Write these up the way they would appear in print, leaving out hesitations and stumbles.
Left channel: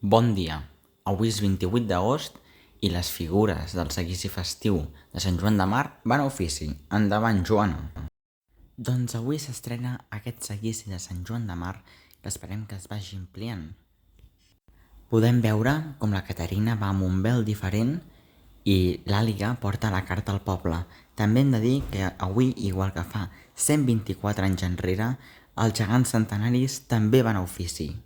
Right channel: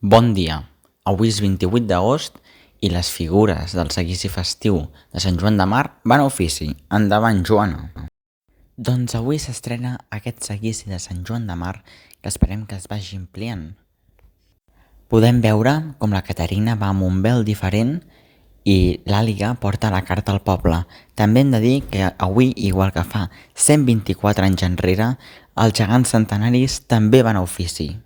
Bon dia, avui és 28 d'agost i les figures del seguici festiu de Sant Joan de Mar van a ofici. Endavant, Joana! Doncs avui s'estrena aquest seguici de Sant Joan de Mar que esperem que es vagi ampliant. Podem veure com la Caterina va amb un vel diferent i l'Àliga porta la carta al poble. També hem de dir que avui, igual que fa 124 anys enrere, els gegants centenaris també van a ofici.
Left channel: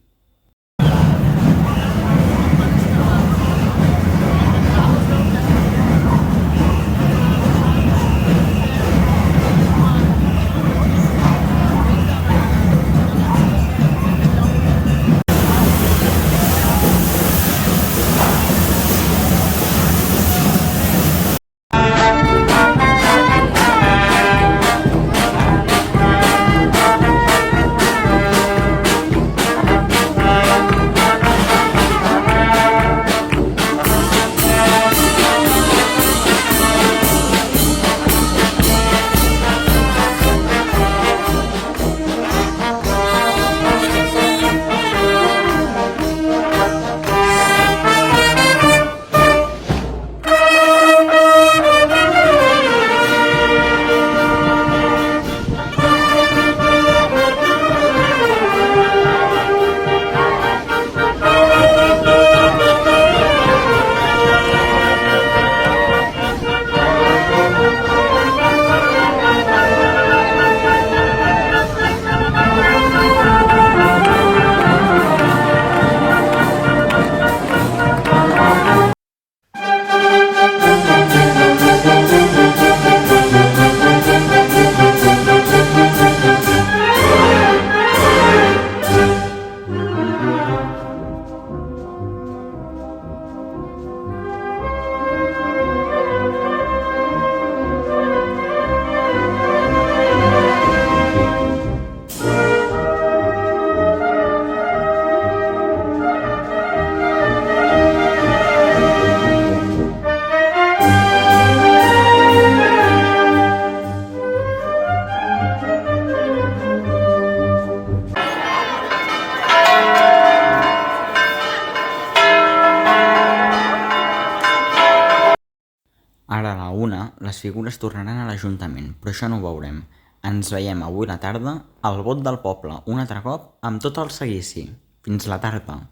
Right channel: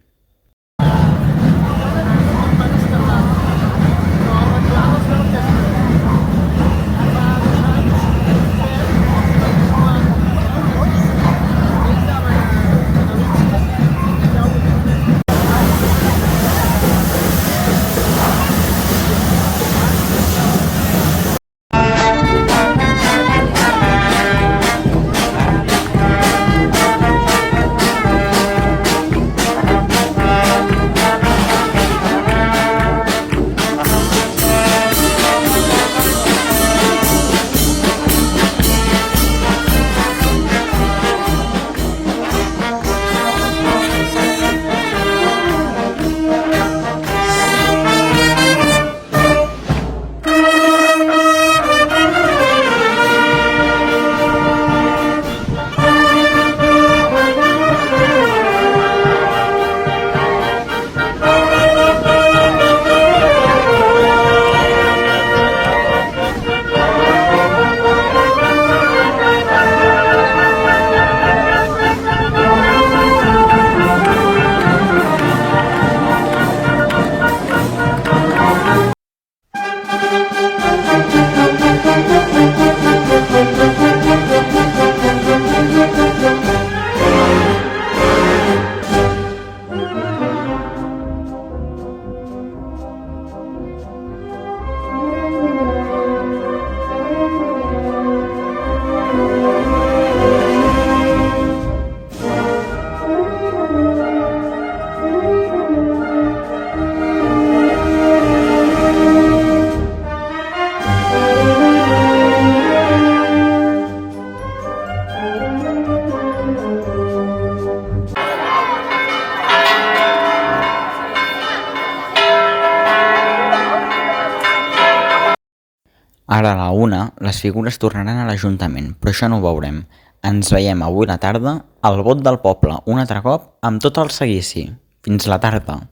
Ara a la 1 les figures tornaran a l'Ajuntament, però això no ho veurem. Ens veiem avui a la tarda al Vot del Poble, un altre cop amb tot el seguici. Fins la tarda!